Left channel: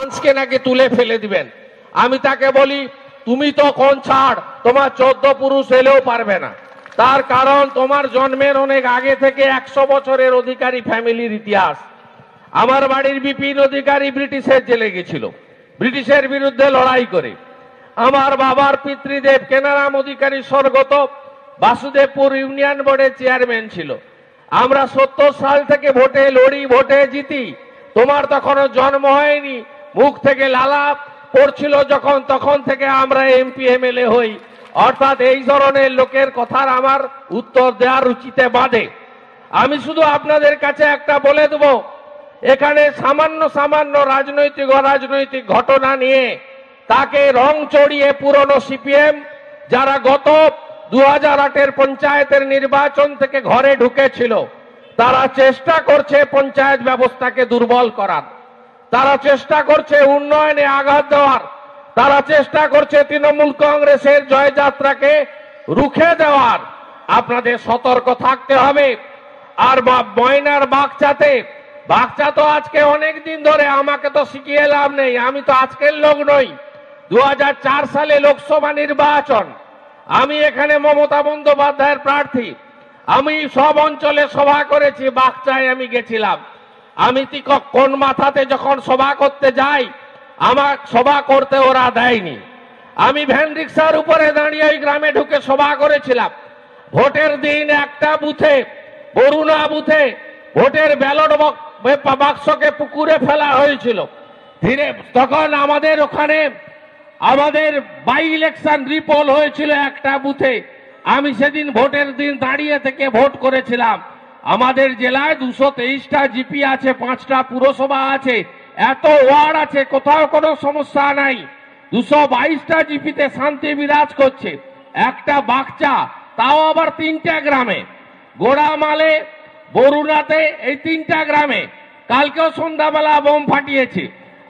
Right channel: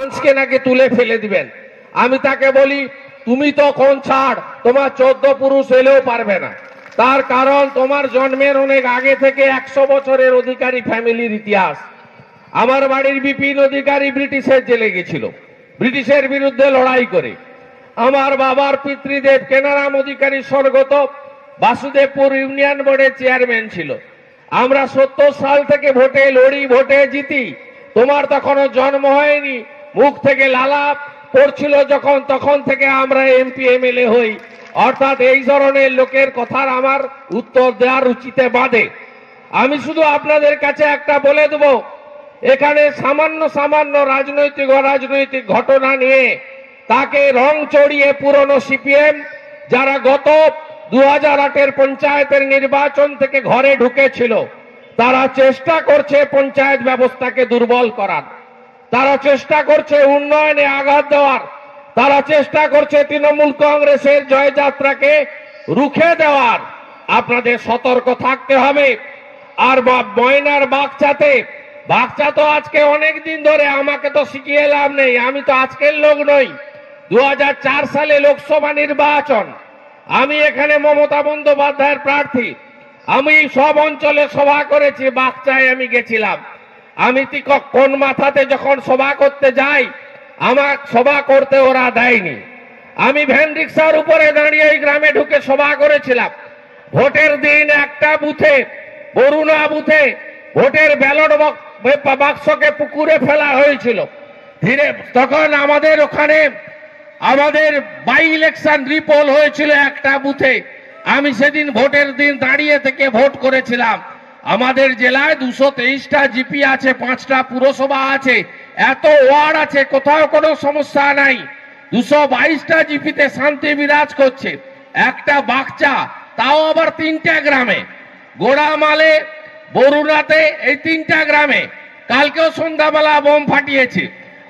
মানুষকে নাকি তুলে ফেলে দিবেন। আমি তাকে বলি, তুমি তো কোন ছাড়, তোমার 14 পুরুষ এলেও পারবে না। তার কারণ তোমার জন্মের অনেক আগে থেকে 100 বছরের অধিকারী ফ্যামিলির ইতিহাস। আমার বাড়ির বিপিন অধিকারী ব্রিটিশের জেলে গেছিল, ব্রিটিশের বিরুদ্ধে লড়াই করে। আমার বাবার পিতৃদেব কেনারাম অধিকারী স্বর্গত বাসুদেবপুর ইউনিয়ন বোর্ডের চেয়ারম্যান ছিল। আমরা 70 সাল থেকে ভোটে লড়ি, ভোটে জিতি। তোমার তখনও জন্ম হয়নি, মুখ থেকে লালা পড়ছিল যখন, তখন থেকে আমরা এমপি এমএলএ হই। অর্থাৎ এই ধরনের লোকের কথার আমার উত্তর দেওয়ার রুচিতে বাঁধে। আমি শুধু আপনাদের কাছে একটা বলে দেব, এখানে সামান্য সামান্য রাজনৈতিক অরাজনৈতিক ঘটনা নিয়ে তাকে রং চড়িয়ে পুরনো সিপিএম যারা গত 2008-এর পঞ্চায়েতের নির্বাচন থেকে ঘরে ঢুকেছিল, তারা চেষ্টা করছে পঞ্চায়েত ব্যবস্থাকে দুর্বল করার, তারা চেষ্টা করছে উন্নয়নে আঘাত দেওয়ার, তারা চেষ্টা করছে তৃণমূল কংগ্রেসের জয়যাত্রাকে রুখে দেওয়ার। আপনাদের সতর্ক থাকতে হবে। আর ময়নার বাগচা তো আজকে অনেক দিন ধরে, আমাকে তো শিখিয়ে লাভ নেই, আমি তো আজকের লোক নই। 2004 সালে লোকসভা নির্বাচন, আমি এখানে মমতা বন্দ্যোপাধ্যায়ের প্রার্থী। আমি সব অঞ্চলে সভা করেছি, বাগচায় আমি গেছিলাম। আমি কোন মাথাতে যখন সভা করতে যাই, আমার সভা করতে ওরা দেয়নি। আমি ভ্যান রিক্সার উপরে দাঁড়িয়ে ওই গ্রামে ঢুকে সভা করেছিলাম। ভোটের দিন একটা বুথে, বরুণা বুথে, ভোটের ব্যালট বাক্সকে পুকুরে ফেলা হয়েছিল। তখন আমাদের ওখানে আমাদের বাই ইলেকশন রিপোল হয়েছিল একটা বুথে। আমি সেদিন ভোটের দিন দাঁড়িয়ে থেকে ভোট করেছিলাম। আমাদের জেলায় 223টা জিপি আছে, 5টা পুরসভা আছে, এত ওয়ার্ড আছে, কোথাও কোনো সমস্যা নাই। 222টা জিপিতে শান্তি বিরাজ করছে। একটা বাগচা, তাও আবার 3টে গ্রামে, গোড়ামালে, বরুণাতে, এই 3টা গ্রামে কালকেও সন্ধ্যাবেলা বোম ফাটিয়েছে।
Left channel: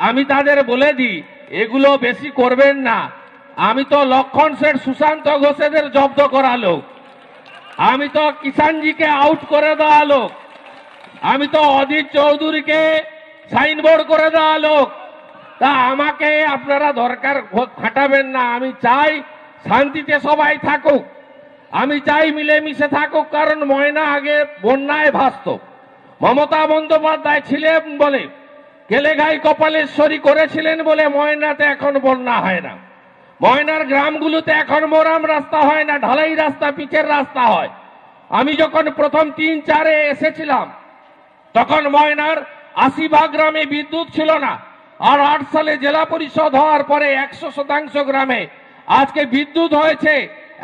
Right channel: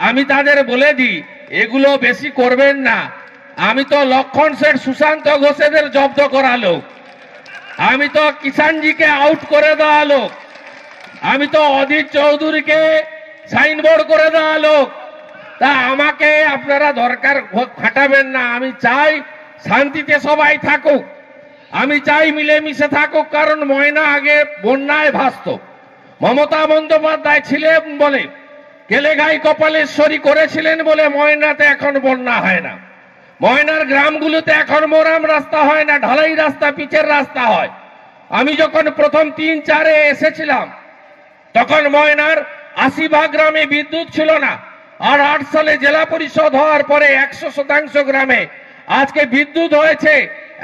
আমি তাদের বলে দিই, এগুলো বেশি করবেন না। আমি তো লক্ষণ শেঠ, সুশান্ত ঘোষেদের জব্দ করা লোক, আমি তো কিষানজিকে আউট করে দেওয়া লোক, আমি তো অধীর চৌধুরীকে সাইনবোর্ড করে দেওয়া লোক। তা আমাকে আপনারা দরকার খাটাবেন না। আমি চাই শান্তিতে সবাই থাকুক, আমি চাই মিলেমিশে থাকুক। কারণ ময়না আগে বন্যায় ভাসত, মমতা বন্দ্যোপাধ্যায় ছিলেন বলে, কেলেঘাই কপালেশ্বরী করেছিলেন বলে ময়নাতে এখন বন্যা হয় না। ময়নার গ্রামগুলোতে এখন মোরাম রাস্তা হয় না, ঢালাই রাস্তা, পিচের রাস্তা হয়। আমি যখন প্রথম 3-4-এ এসেছিলাম, তখন ময়নার 80 গ্রামে বিদ্যুৎ ছিল না। আর 8 সালে জেলা পরিষদ হওয়ার পরে 100% গ্রামে আজকে বিদ্যুৎ হয়েছে।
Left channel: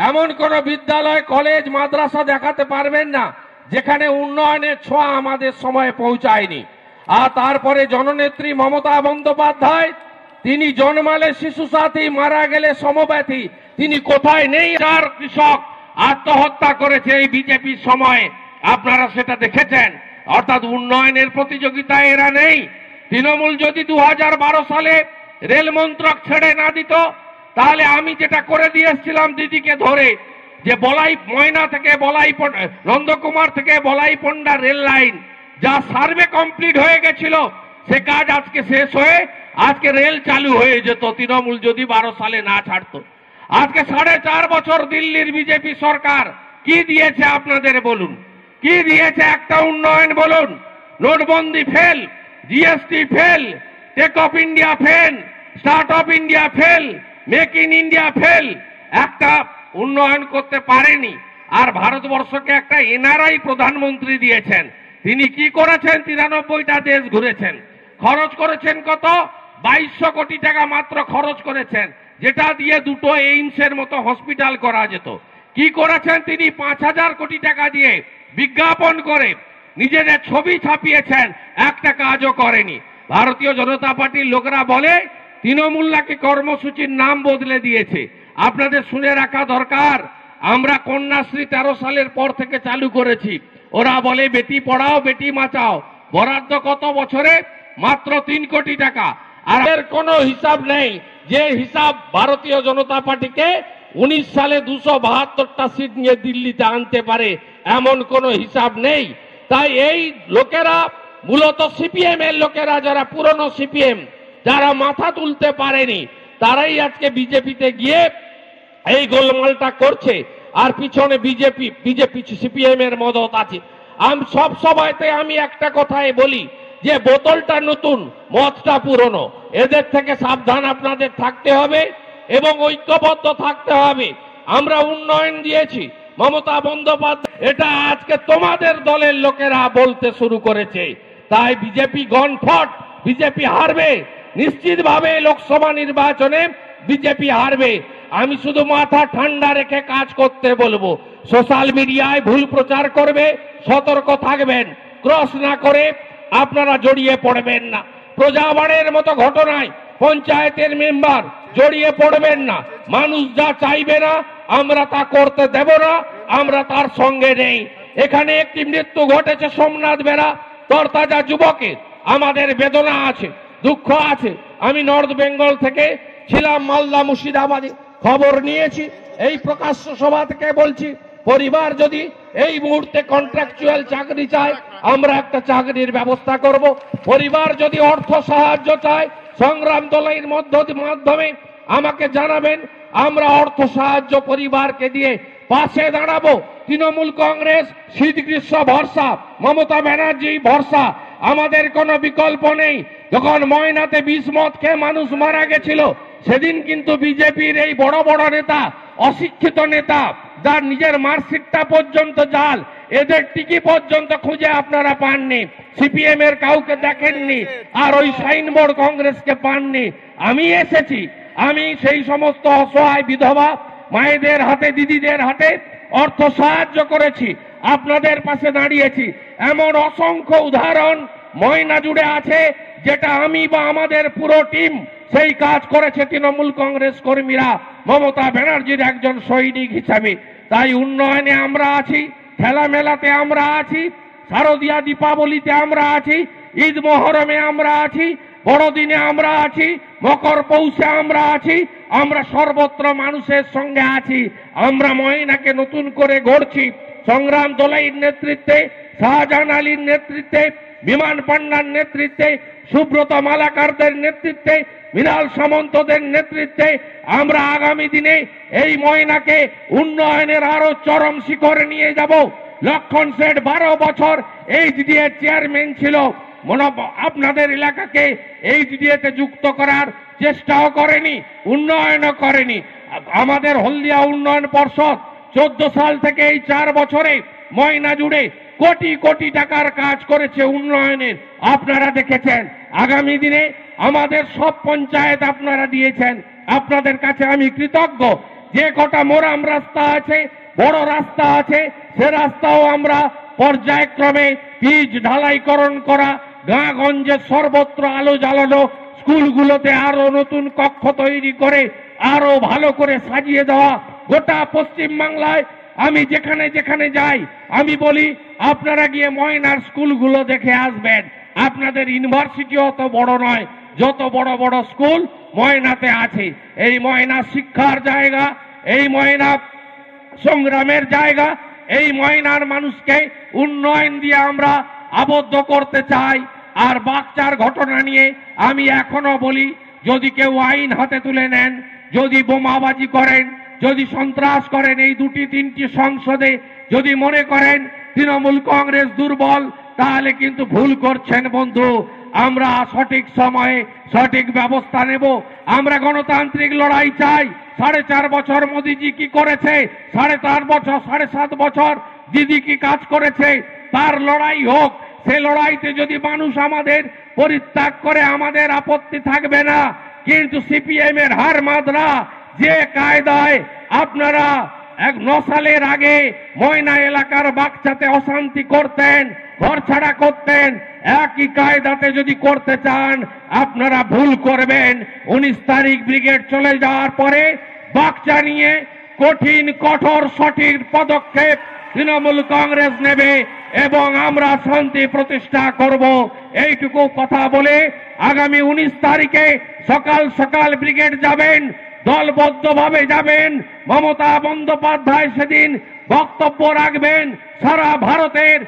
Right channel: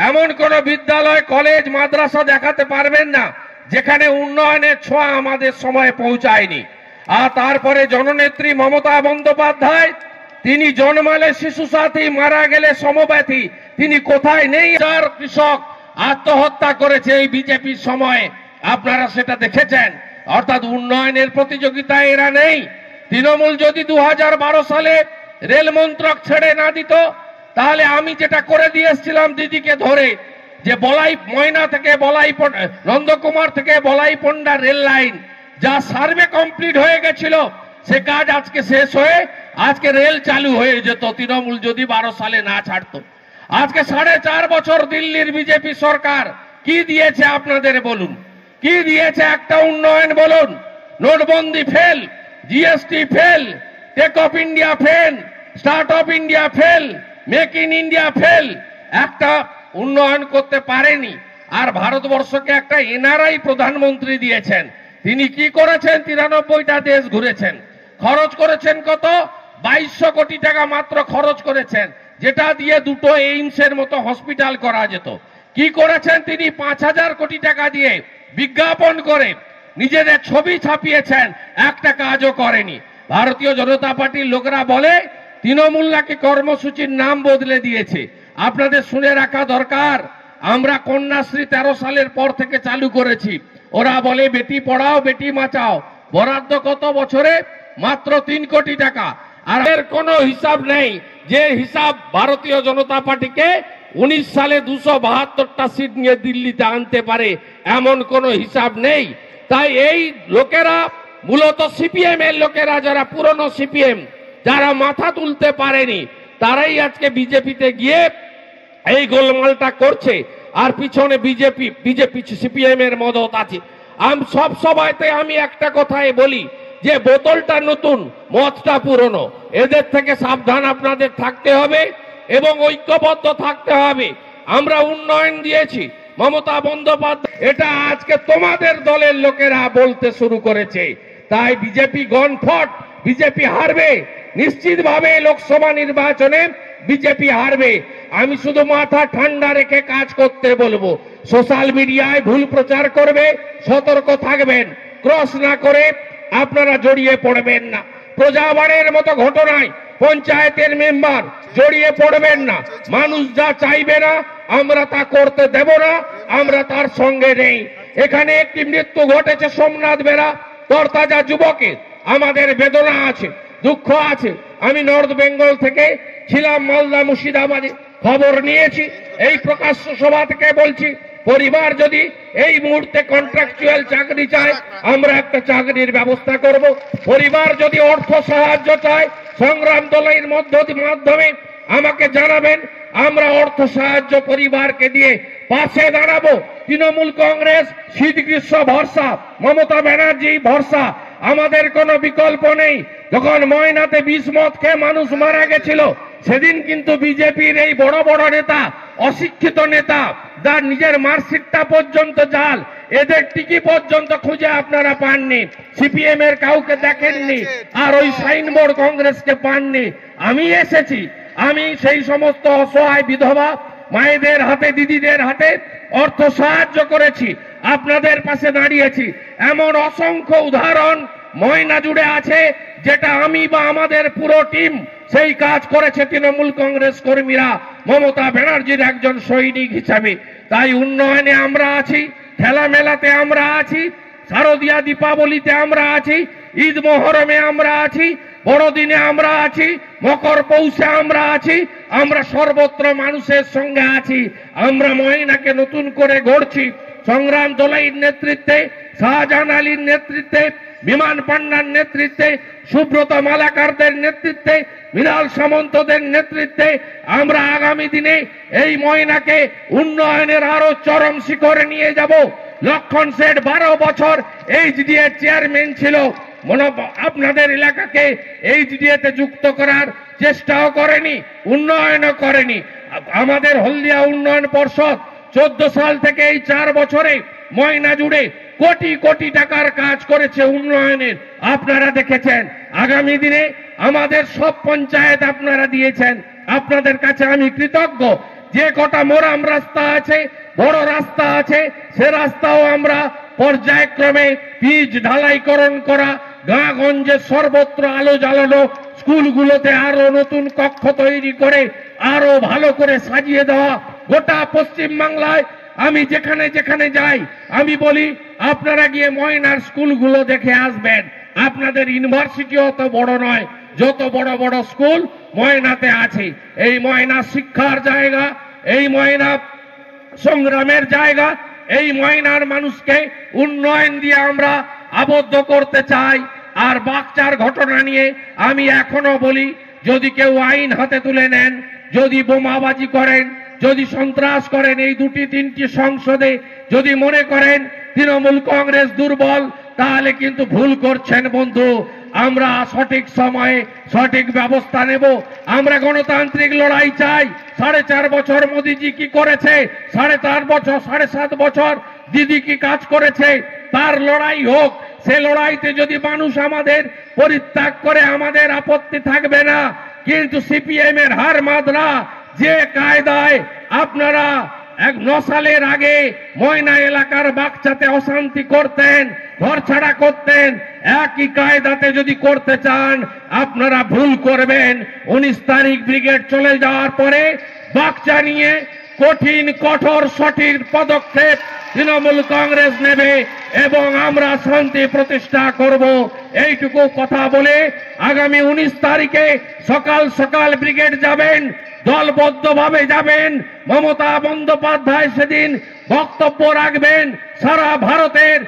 এমন কোন বিদ্যালয়, কলেজ, মাদ্রাসা দেখাতে পারবেন না যেখানে উন্নয়নের ছোঁয়া আমাদের সময়ে পৌঁছায়নি। আর তারপরে জননেত্রী মমতা বন্দ্যোপাধ্যায়, তিনি জন্মালে শিশু সাথী, মারা গেলে সমব্যথী, তিনি কোথায় নেই। আর কৃষক আত্মহত্যা করেছে এই বিজেপির সময়ে, আপনারা সেটা দেখেছেন। অর্থাৎ উন্নয়নের প্রতিযোগিতায় এরা নেই। তৃণমূল যদি 2012 সালে রেল মন্ত্রক ছেড়ে না দিত, তাহলে আমি যেটা করে দিয়ে এসেছিলাম দিদিকে ধরে, যে বলাই ময়না থেকে বলাই, নন্দকুমার থেকে বলাই পন্ডা রেল লাইন, যা সার্ভে কমপ্লিট হয়ে গেছিল, সে কাজ আজকে শেষ হয়ে আজকে রেল চালু হয়ে যেত, তৃণমূল যদি 12 সালে না ছাড়তো। আজকে 4.5 বছর দিল্লির বিজেপি সরকার কি দিয়েছে আপনাদের বলুন, কি দিয়েছে? একটা উন্নয়ন বলুন? নোটবন্দি fail, GST fail, take off India fail, start of India fail, make in India fail, একটা উন্নয়ন করতে পারেনি। আর ভারতবর্ষকে একটা এনআরআই প্রধানমন্ত্রী দিয়েছেন। তিনি কি করেছেন? 93টা দেশ ঘুরেছেন। খরচ করেছেন কত? 2200 কোটি টাকা মাত্র খরচ করেছেন, যেটা দিয়ে 2টো এইমসের মতো হসপিটাল করা যেত। কি করেছেন তিনি? 5000 কোটি টাকা দিয়ে বিজ্ঞাপন করে নিজেদের ছবি ছাপিয়েছেন, একটা কাজও করেনি। ভারতীয় জনতা পার্টির লোকেরা বলে তৃণমূল নাকি কর্মসূচির নাম বদলে দিয়েছে। আপনাদের শুনে রাখা দরকার, আমরা কন্যাশ্রী 13 সালের পর থেকে চালু করেছি। ওরা বলে বেটি পড়াও বেটি বাঁচাও, বরাদ্দ কত বছরে? মাত্র 3 কোটি টাকা। আর এর কোনো হিসাব নেই, যে হিসাব ভারতীয় জনতা পার্টিকে 19 সালে 272টা সিট নিয়ে দিল্লিতে আনতে পারে, এমন কোনো হিসাব নেই। তাই এই লোকেরা মূলত সিপিএম এর লোকেরা, যারা পুরনো সিপিএম, যারা মাথা তুলতে পারেনি তারাই আজকে বিজেপিতে গিয়ে এই গোলমালটা করছে। আর পিছনে বিজেপি সিপিএম এর মদত আছে। আমি সব সভাতে আমি একটা কথাই বলি যে বোতলটা নতুন, মদটা পুরনো। এদের থেকে সাবধান আপনাদের থাকতে হবে এবং ঐক্যবদ্ধ থাকতে হবে। আমরা উন্নয়ন দিয়েছি, মমতা বন্দ্যোপাধ্যায়, এটা আজকে তোমাদের দলের লোকেরা বলতে শুরু করেছে। তাই বিজেপি গনফট, বিজেপি হারবে নিশ্চিতভাবে। লোকসভা নির্বাচনে বিজেপি হারবে। আমি শুধু মাথা ঠান্ডা রেখে কাজ করতে বলবো। সোশ্যাল মিডিয়ায় ভুল প্রচার করবে, সতর্ক থাকবেন। ক্রস না করে আপনারা জড়িয়ে পড়বেন না। প্রজাবাড়ের মতো ঘটনায় পঞ্চায়েতের মেম্বার জড়িয়ে পড়বেন না। মানুষ যা চাইবে না আমরা তা করতে দেব না, আমরা তার সঙ্গে নেই। এখানে একটি মৃত্যু ঘটেছে সোমনাথ বেরা, তরতাজা যুবকের। আমাদের বেদনা আছে, দুঃখ আছে। আমি নর্থ বেঙ্গল থেকে ছিলাম, মালদা মুর্শিদাবাদে খবর নিয়েছি। এই প্রকাশ্য সভা থেকে বলছি, পরিবার যদি এই মুহূর্তে কন্ট্রাকচুয়াল চাকরি চায় আমরা একটা চাকরির ব্যবস্থা করব। পরিবার যদি অর্থ সাহায্য চায় সংগ্রাম দলের মাধ্যমে আমাকে জানাবেন, আমরা অর্থ সাহায্য পরিবারকে দিয়ে পাশে দাঁড়াবো। তৃণমূল কংগ্রেস শীত গ্রীষ্ম ভরসা, মমতা ব্যানার্জি ভরসা, আমাদের কোনো বিকল্প নেই। যখন ময়নাতে বিষ মদ খেয়ে মানুষ মারা গেছিল সেদিন কিন্তু বিজেপির এই বড় বড় নেতা, অশিক্ষিত নেতা, যার নিজের মার্কশিটটা পর্যন্ত জাল, এদের টিকি পর্যন্ত খুঁজে আপনারা পাননি। সিপিএম এর কাউকে দেখেননি, আর ওই সাইনবোর্ড কংগ্রেসকে পাননি। আমি এসেছি, আমি সেই সমস্ত অসহায় বিধবা মায়েদের হাতে, দিদিদের হাতে অর্থ সাহায্য করেছি, আপনাদের পাশে দাঁড়িয়েছি। এমন অসংখ্য উদাহরণ ময়না জুড়ে আছে যেটা আমি বা আমাদের পুরো টিম সেই কাজ করেছে তৃণমূল কংগ্রেস কর্মীরা মমতা ব্যানার্জির একজন সৈনিক হিসাবে। তাই উন্নয়নে আমরা আছি, খেলা মেলাতে আমরা আছি, শারদীয়া দীপাবলিতে আমরা আছি, ঈদ মহরমে আমরা আছি, বড়দিনে আমরা আছি, মকর পৌষে আমরা আছি। আমরা সর্বত্র মানুষের সঙ্গে আছি। আমরা ময়নাকে নতুন করে গড়ছি। সংগ্রাম দলের নেতৃত্বে, শাহজাহান আলীর নেতৃত্বে, বিমান পান্ডার নেতৃত্বে, সুব্রত মালাকারদের নেতৃত্বে, মৃণাল সামন্তদের নেতৃত্বে আমরা আগামী দিনে এই ময়নাকে উন্নয়নের আরো চরম শিখরে নিয়ে যাব। লক্ষণ শেঠ 12 বছর এইচডিএ চেয়ারম্যান ছিল, আপনাদের এলাকাকে এইচডিএতে যুক্ত করার চেষ্টাও করেনি, উন্নয়নও করেনি। আমাদের হলদিয়া উন্নয়ন পর্ষদ 14 সাল থেকে এই 4 বছরে ময়না জুড়ে কোটি কোটি টাকার কাজ করেছে উন্নয়নের, আপনারা দেখেছেন। আগামী দিনে আমাদের সব পঞ্চায়েত আপনারা দিয়েছেন, আপনাদের কাছে আমি কৃতজ্ঞ। যে কটা মোরাম রাস্তা আছে, বড় রাস্তা আছে, সে রাস্তাও আমরা পর্যায়ক্রমে পিচ ঢালাইকরণ করা, গাঁগঞ্জে সর্বত্র আলো জ্বালানো, স্কুলগুলোতে আরো নতুন কক্ষ তৈরি করে আরো ভালো করে সাজিয়ে দেওয়া। গোটা পশ্চিম বাংলায় আমি যেখানে যেখানে যাই আমি বলি আপনারা গিয়ে ময়নার স্কুলগুলো দেখে আসবেন। আপনাদের ইউনিভার্সিটি অত বড় নয়, যত বড় বড় স্কুল ময়নাতে আছে। এই ময়না শিক্ষার জায়গা, এই ময়না সংগ্রামের জায়গা, এই ময়নার মানুষকে উন্নয়ন দিয়ে আমরা আবদ্ধ করতে চাই। আর বাগচার ঘটনা নিয়ে আমি এখনো বলি, যদি কেউ আইন হাতে তুলে নেন, যদি বোমাবাজি করেন, যদি সন্ত্রাস করেন এই 2-3টি সংসদে, যদি মনে করেন তৃণমূল কংগ্রেস দুর্বল, তাহলে কিন্তু ভুল করছেন বন্ধু। আমরা সঠিক সময়ে সঠিক ব্যবস্থা নেব। আমরা গণতান্ত্রিক লড়াই চাই। 4.5 বছর মোদীজি কি করেছে, 4.5 বছর, 7.5 বছর দিদি কি কাজ করেছে, তার লড়াই হোক। সে লড়াইতে যদি মানুষ আমাদের পরিত্যাগ করে আমাদের আপত্তি থাকবে না। কিন্তু সিপিএম এর হার মাদরা যে কায়দায় আপনারা 9 সালের আগে ময়না এলাকার বাগচাতে অশান্তি করতেন, ঘর ছাড়া করতেন, একই কায়দাতে যদি করতে চান আপনারা ভুল করবেন। 19 তারিখ ব্রিগেড চলে যাওয়ার পরে বাগচা নিয়ে কঠিন কঠোর সঠিক পদক্ষেপ তৃণমূল কংগ্রেস নেবে এবং আমরা শান্তি প্রতিষ্ঠা করব। এইটুকু কথা বলে আগামী 19 তারিখে সকাল সকাল ব্রিগেড যাবেন, দলবদ্ধভাবে যাবেন। মমতা বন্দ্যোপাধ্যায় সেদিন বক্তব্য রাখবেন। সারা ভারতের